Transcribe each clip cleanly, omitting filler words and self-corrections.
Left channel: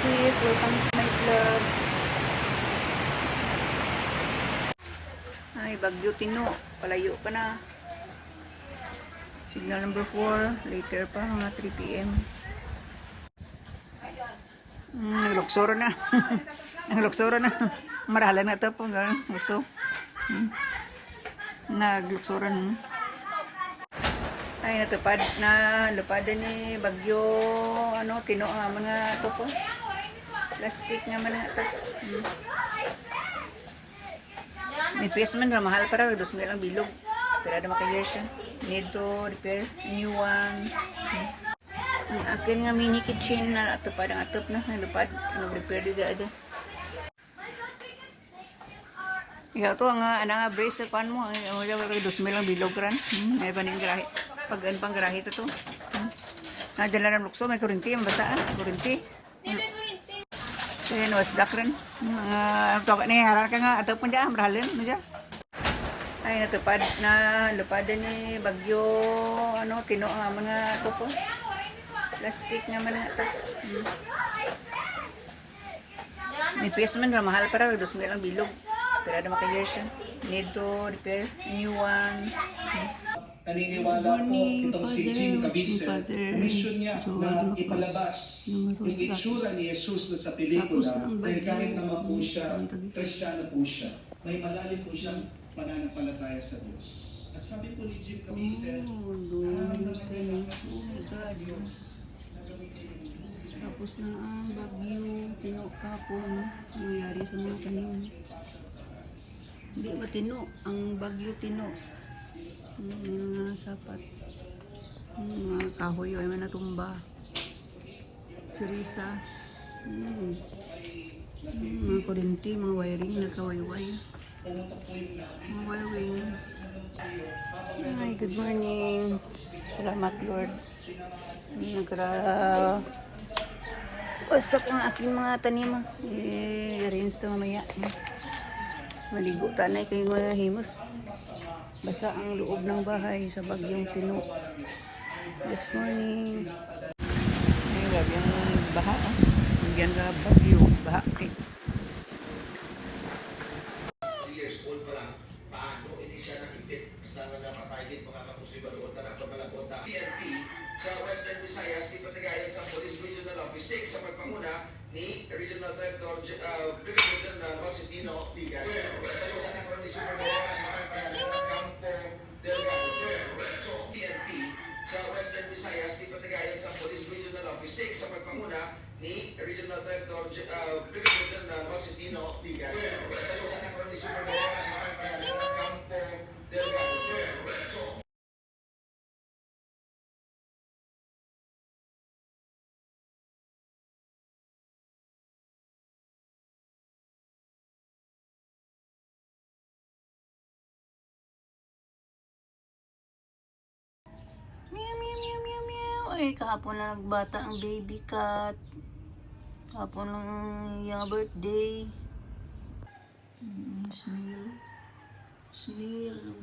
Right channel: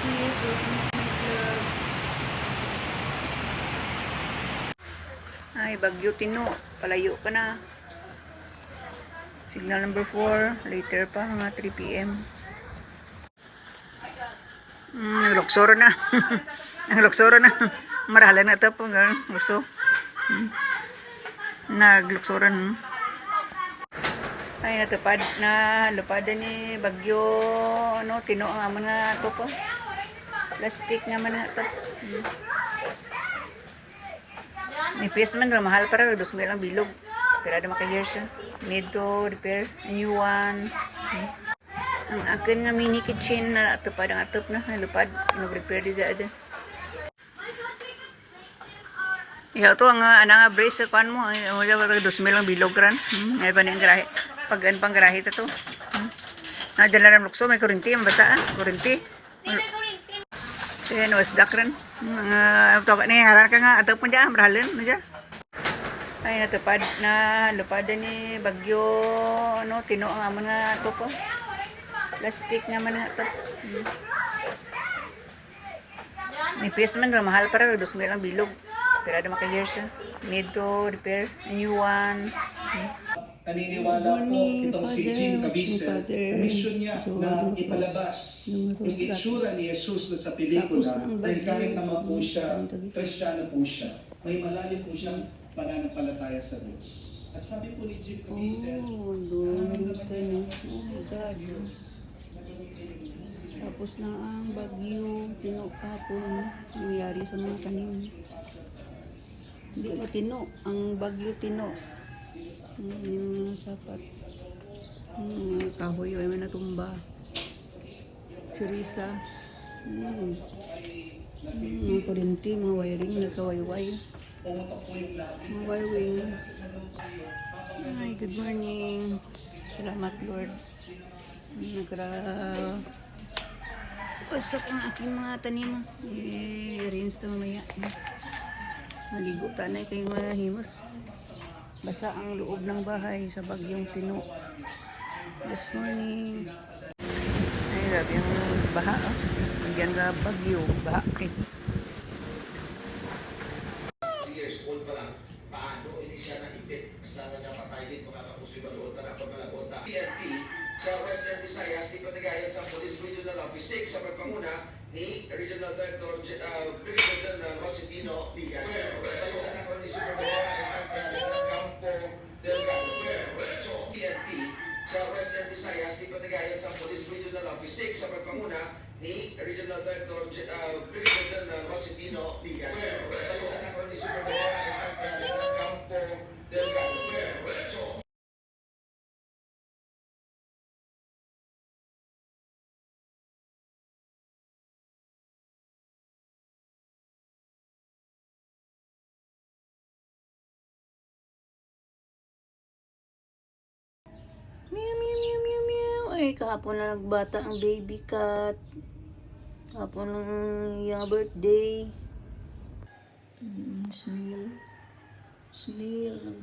sis, welcome to my vlog. Ay, Bagyo Tino, palayo ka na. Signal number 4, later pa, mga 3 p.m. Nagluksoro na. Nagluksoro na. Marahalan na ito po. Gusto. Nagluksoro na. Ay, natupad na. Lupadan ni Bagyo. Tino nga man nga ito po. Plastic nga man nga ito. Nipis man ba? Mahal para. 2,000 lang bilog. Pero ada maka-years siya. Need to repair. A new one. Ang akin nga mini kitchen na atupad ang atup na. Nalupad. Nag-repair din dada. Ikaw to ang anang brace sa kuan mo. 2,000 lang bilog ran. Ay pa niyang garahe. Pag an pang garahe to. Nadala ng lukso. May kurinti. Ang basa. Kurinti. Kaya wasdak rin. Tawag ni haran ka nga. Atup mo dyan. Marahalin. Ano dyan? Ay, natupad na. Lupadan ni Bagyo. Tino nga man nga ito po. Plastic nga man nga ito. Nipis man ba? Mahal para. 2,000 lang bilog. Pero ada maka-years siya. Need to repair. A new one. Naniniwala po itong si Jim Caviezel, mission niya na ipalabas yung itsura ni Jesus na sa pelikula dahil kahit naman po siya, Kristiyano po siya, may malalim po siyang pananampalataya sa Diyos. At sabi po ni Jim Caviezel, tapos na ang Bagyo Tino kapon nangyari sa mga tanim. Hindi ba Tino? Ang Bagyo Tino. Yung mga sapat. Mga kahoy ay may natumba. Sirisa. Mga kurinti, mga wiring, nagkawayway. Mga wiring. Ay, good morning. Salamat Lord. Wasak ang aking mga tanim. I-arrange ito mamaya. Maligo tanay kayo mga himos. Basa ang loob ng bahay sa Bagyong Tino. This morning. Ay, grabe yung baha. Bigyan na Bagyo. Baha. Years old pa lang. Paano hindi siya nakipit? Basta na napatay din makakapusiba doon na napagmalakot na. PNP sa Western Visayas, ipatigayan sa Police Regional Office 6 sa pagpanguna ni Regional Director Brigadier General Josepino Vigan. Pasukan ako ni Supermayor sa Campo Delgado. PNP sa Western Visayas, ipatigayan sa Police Regional Office 6 sa pagpanguna ni Regional Director Brigadier General Josepino Vigan. Pasukan ako ni Supermayor sa Campo Delgado. Meow, meow, meow, meow, meow. Ay, kahapon na nagbata ang baby cat. Kahapon lang yung birthday. Snail. Snail.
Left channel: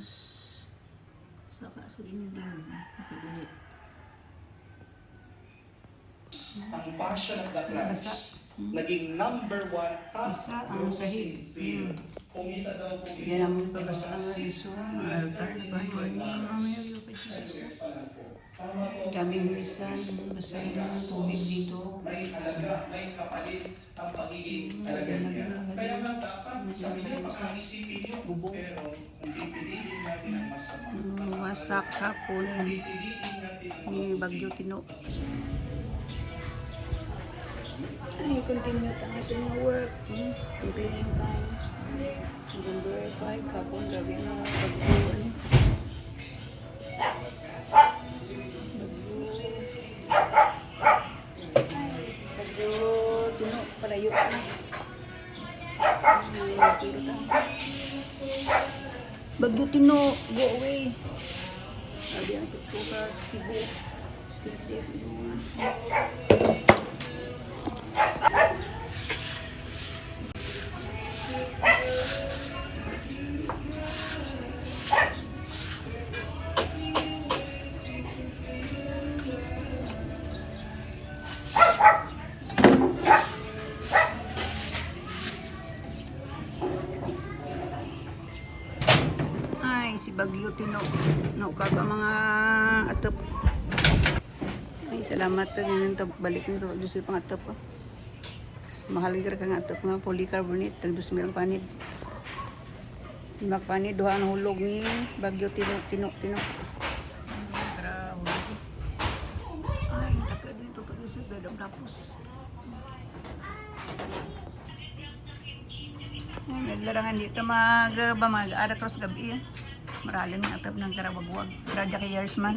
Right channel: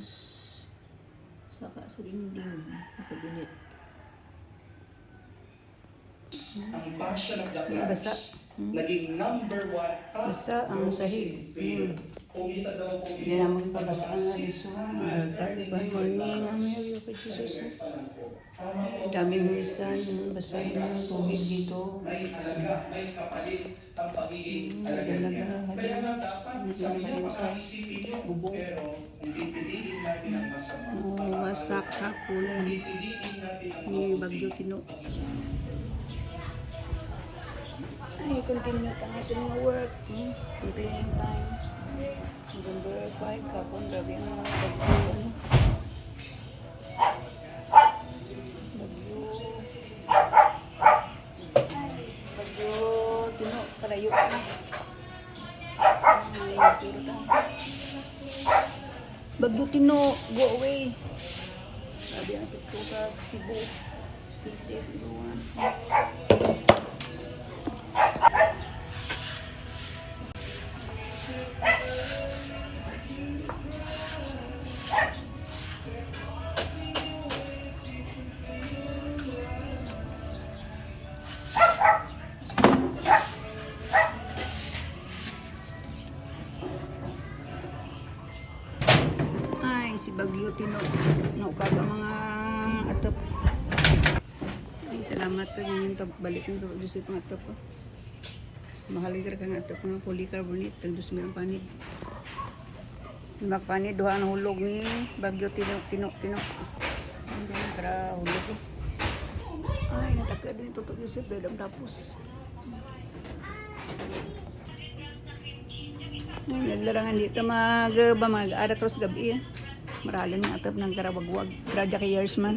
Saka sa dinding. Nakagunit. ang passion of the Christ, naging number 1 top Isa ang sahig. Kumita daw po Yan ang pagkasaan nga iso. Tayo ba yun? Ang Jesus. Daming isa. Basta yung tubig dito. May alaga, may kapalit ang pagiging alaga niya. Kaya nga dapat sa inyo pag-aisipin nyo. Pero kung pipiliin natin ang masama, Wasak hapon pipiliin natin ang ni Bagyo Tino. Ay, continue ang ating mga work. Cleaning time. November 5, kapon, grabe ang Bagyo. Bagyo Tino, palayo na. Bagyo Tino, go away. Sabi ang pito sa Cebu. Stay safe, everyone. bagyo tino. No ka ba mga atop. Ay salamat to ganyan to balik nito dusi pang atop ko. Mahal gyud ka nga atop nga polycarbonate tag 2,000 ang panid. Magpanid duha ang hulog ni bagyo tino. Para hulog. Ay nataka din to Joseph dadam tapos. Naglarang hindi ka mag-aratos gabi. Marali ng atap ng karabagwag. Radya kay years man.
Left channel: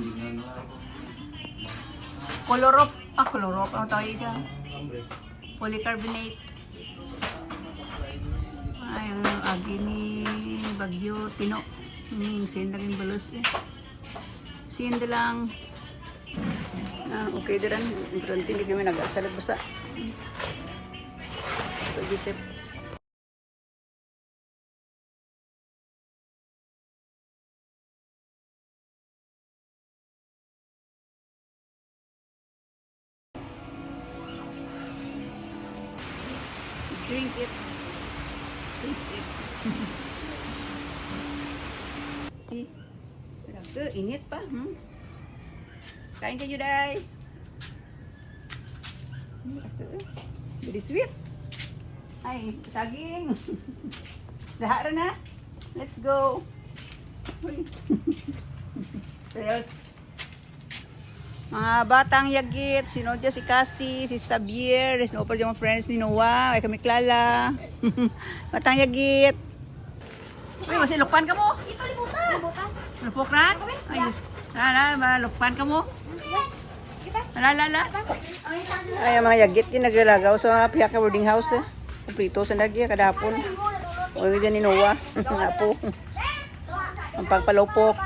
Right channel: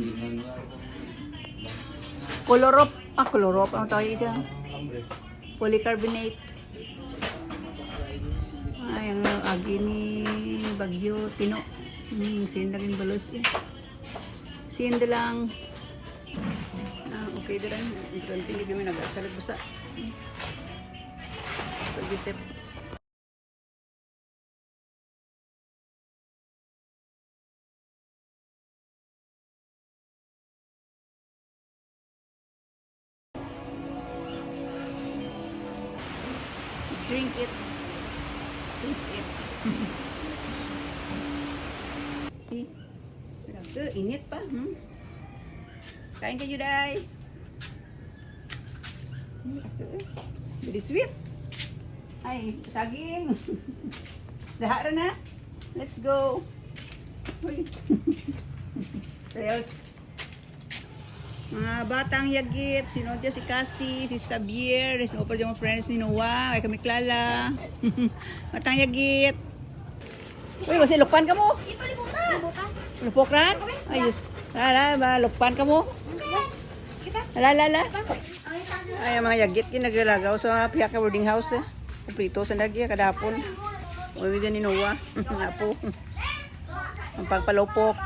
Colorop. Colorop. Ang tawag niya dyan. Polycarbonate. Ay, ang agi ni Bagyo Tino. Sin lang yung balos eh. Sin lang. Okay din. Hindi kami nag-asalag basa. Pag-isip. Drink it. Taste it. Init pa. Kain ka Juday. Very sweet. Ay, saging. Lahat na. Let's go. Uy. Serious. Mga batang yagit, si Nodja, si Cassie, si Xavier, si Opal yung mga friends ni Noah, ay kami Klala. Batang yagit. Uy, kasi lukpan ka mo. Ito libutan. Lupokran? Ayos. Lukpan ka mo. Kita. Lala. Ay, ang mga yagit ginagalagaw sa piyak ka boarding house. Kumplito sa lagi, kadapon. Uy, dyan ni Noah. Apo. Ang pagpalupok.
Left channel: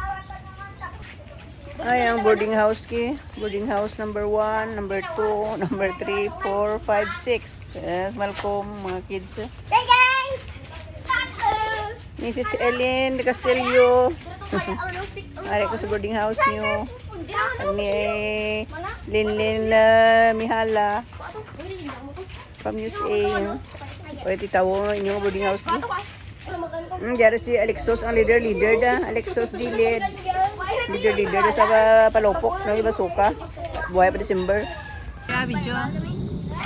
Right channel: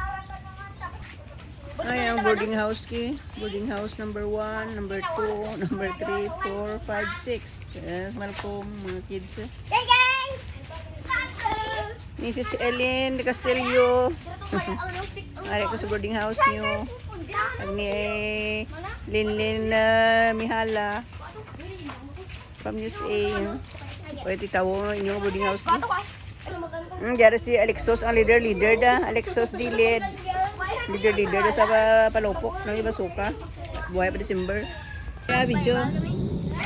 Ay, ang boarding house ki. Boarding house number 1, number 2, number 3, 4, 5, 6. Malcolm, mga kids. Hey guys. Mrs. Ellen de Castillo. Ari ko sa boarding house niyo. Ang ni Linlin Mihala. From USA. Pwede titawo inyong boarding house ki. Diyan si Alexos, ang leader da. Alexos Dilid. Leader sa palopok ng iba suka. Buhay pa December. Video.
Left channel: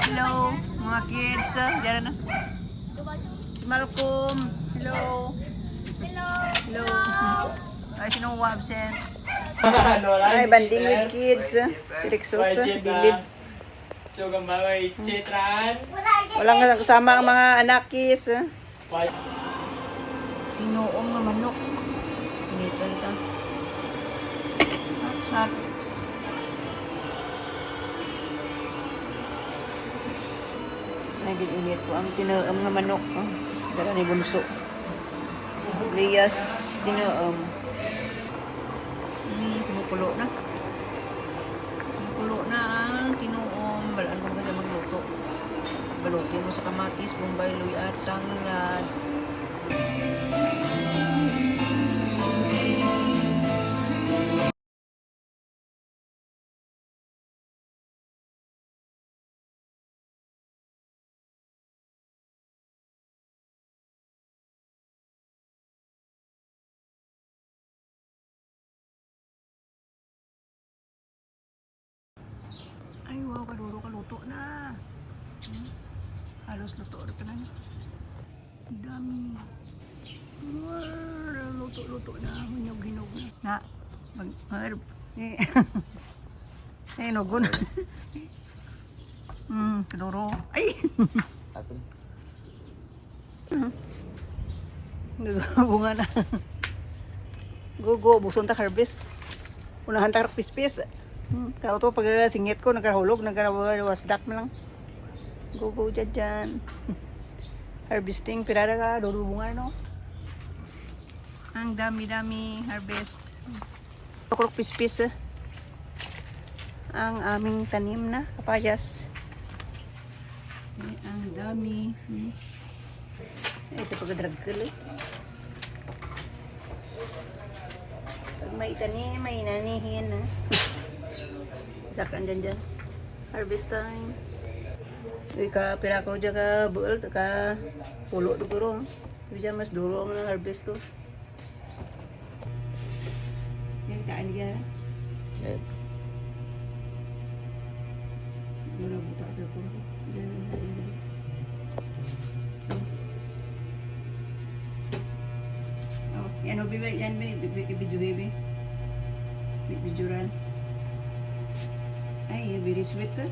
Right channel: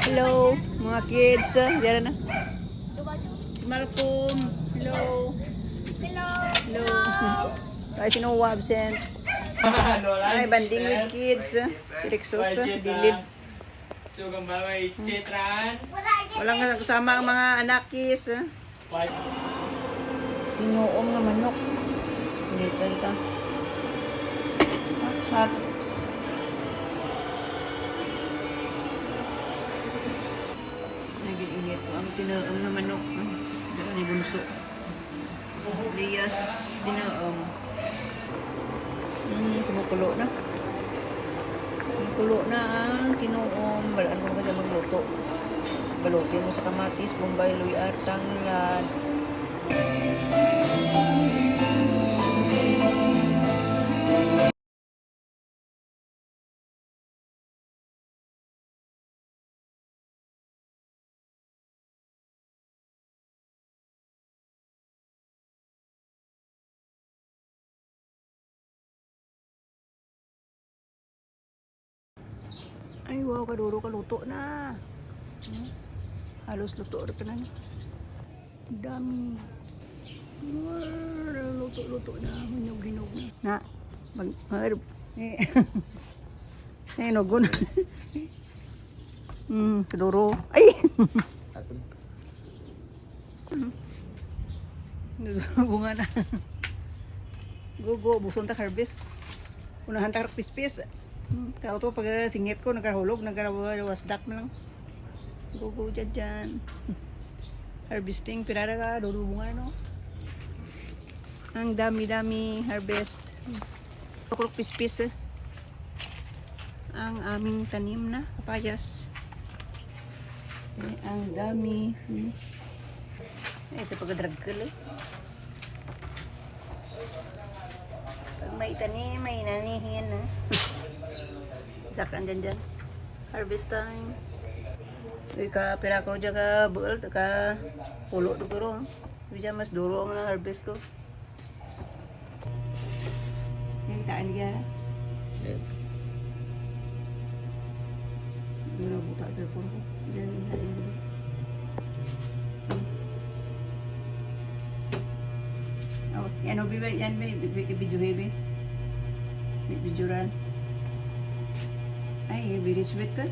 Hello, mga kids. Diyan na. Si Malcolm. Hello. Hello. Ay, sino absent? Ay, banding with kids. Si Alexos, Dilid. So, gambangay Chetran. Walang kasama ang mga anakis. Tinuong na manok. Dito. Hot. Naging-init po ang tinuong na manok. Dala ni Bunso. Lias tinuong. Kumukulo na. Kumukulo na ang tinuong. Balaan mo ka magluto. Balutin mo sa kamatis, bombay, luya, at tanglad. Ay, wow, kaduro kaluto na. Halos luto na pa na. Dami. Luto na. Hinog na. Mag-herb. Hinog na. Kaduro. Ay! Bunga na. Go. Bukson ta harvest. Unahan ta pispis. Kaya ito pag singit ko, nagkahulog, nagkawasdak na lang. Go dyan. Harvesting, pirara ka, bunga no? Ang dami harvest. Kukulok pispis. Ang aming tanim na kapayas. Ang dami. Ay, sa pagkadragkal eh. Pag may tanim, may nanihin na. Sakan dyan. Harvest time. Uy ka, pira ko dyan ka buol, ka pulo duguro. Uy dyan mas duro ang harvest ko. Kain ka. Yan. Wala buta sa puro. Ganun na rin. Oh, yan o, bibi. Yan, bibi. Ibidyo, bibi. Bidyoran. Ay, very sweet ka.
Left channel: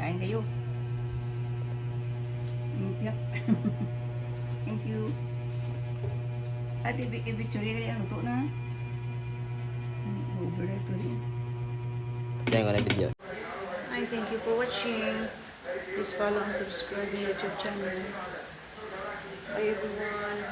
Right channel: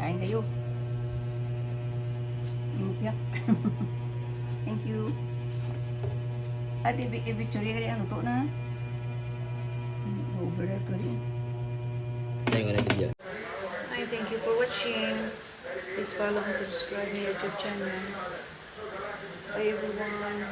Kain kayo. Yeah. Thank you. At ibitsuri ka rin ang luto na. Over na ito rin. Ito yung video. Hi, thank you for watching. Please follow and subscribe my YouTube channel. Bye everyone.